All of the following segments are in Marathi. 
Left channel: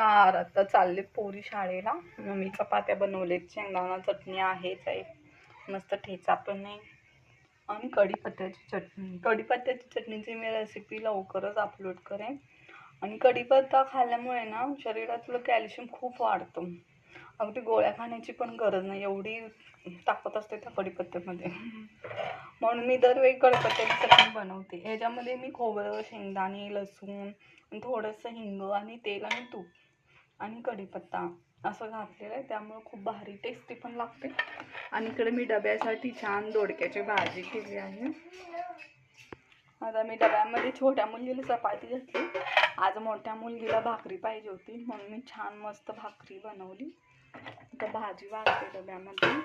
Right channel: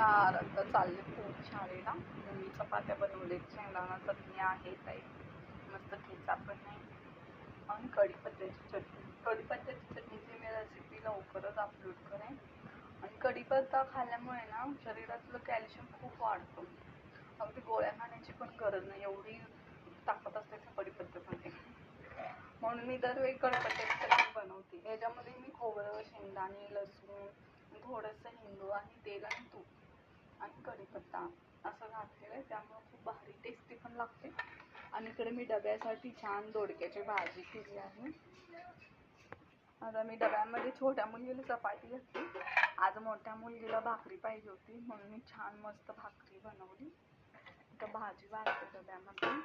नमस्कार. आता चालले पोरी शाळेला. मी चपात्या बनवलेत, शेंगदाणा चटणी आहेच आहे, मस्त ठेचा पण आहे आणि कढीपत्त्याची चटणी. कढीपत्त्याची चटणीची मी रेसिपी लवकरच अपलोड करेन. आणि कढीपत्ता खाल्ल्यामुळे ना शरीरातलं कॅल्शियम खूप वाढतं. अगदी गोळ्या खाण्याची पण गरज नाही, एवढी ताकद असते त्या कढीपत्त्यामध्ये. म्हणून मी दरवेळी कढीपत्त्याची चटणी बनवते. याच्यामध्ये मी खोबरं, शेंगदाणे, लसूण, थोडंसं हिंग आणि तेल आणि तूप आणि कढीपत्ता असं घातलेलं आहे, त्यामुळे खूप भारी टेस्टी पण लागते. आणि इकडे मी डब्यासाठी छान दोडक्याची भाजी केली आहे. आता मी डब्यामध्ये छोट्या मुलगीला चपाती घातली, आज मोठ्या मुलगीला भाकरी पाहिजे होती म्हणून मी छान मस्त भाकरी बनवली. आता भाजी वाढते डब्यामध्ये.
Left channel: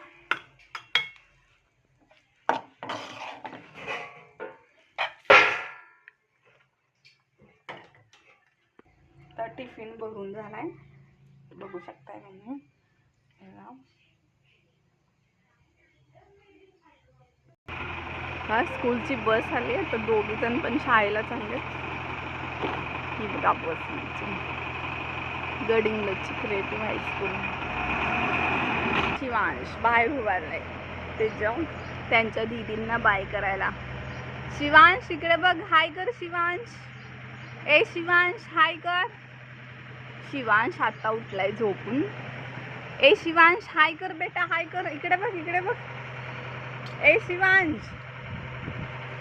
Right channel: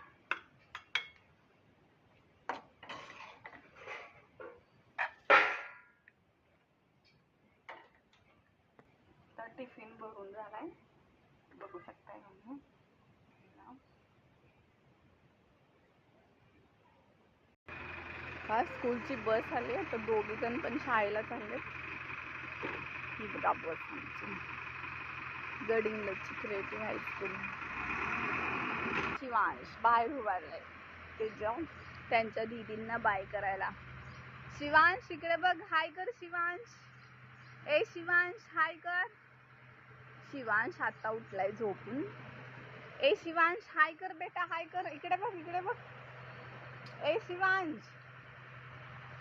तर टिफिन भरून झालाय, बघू शकताय तुम्ही. हा स्कूलची बस आली. आता दोघी जण पण शाळेला चाललेत. ही बघा बस गडिंग्लजची क्रिएटिव्ह हायस्कूल. शिवांश बाहेर उभारलाय त्यांच्या दीदींना बाय करायला. शिवांश इकडे बघ, हाय कर शिवांश. ए शिवांश हाय कर. शिवांश आता उठलाय झोपून. ए शिवांश हाय कर बेटा, हाय कर. इकडे बघ, इकडे बघ. ए शिवांश.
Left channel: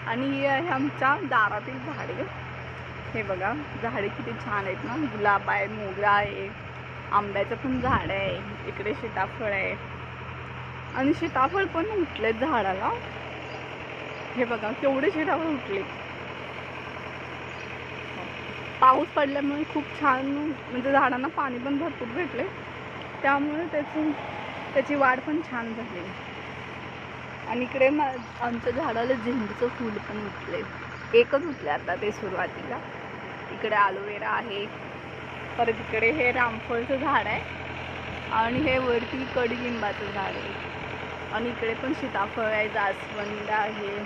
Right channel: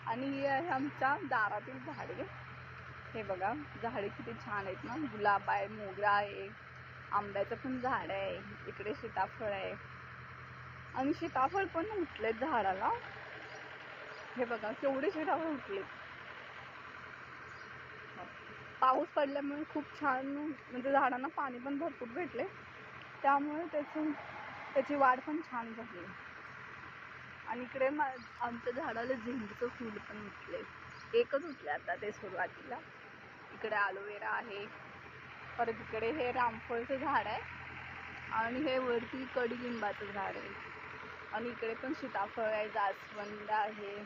आणि ही आहे आमच्या दारातील झाडे. हे बघा झाडे किती छान आहेत ना. गुलाब आहे, मोगरा आहे, आंब्याचं पण झाड आहे. इकडे सीताफळ आहे आणि सीताफळ पण उठलेत झाडाला. हे बघा केवढे सीताफळ उठले. पाऊस पडल्यामुळे खूप छान, म्हणजे झाडांना पाणी पण भरपूर भेटले, त्यामुळे त्याची वाढ पण छान झाली. आणि इकडे ना आमच्या झाडाला झेंडूचं फूल पण उठले. एकच उठले आता ते सुरुवातीला. इकडे ॲलोवेरा आहे, परत इकडे हे रामफळचं झाड आहे आणि हे वरती कडुलिंबाचं झाड आहे. आणि इकडे पण सीताफळ आहे, जास्वंद आहे.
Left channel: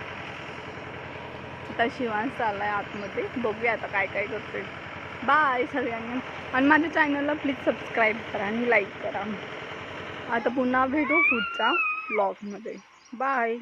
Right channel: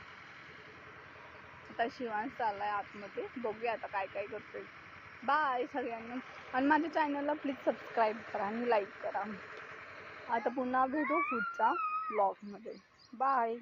आता शिवांश चाललाय आतमध्ये, बघूया आता काय काय करतोय. बाय सगळ्यांना. आणि माझ्या चॅनलला प्लीज सबस्क्राईब करा आणि लाईक करा. आता पुन्हा भेटू पुढच्या ब्लॉगमध्ये. बाय.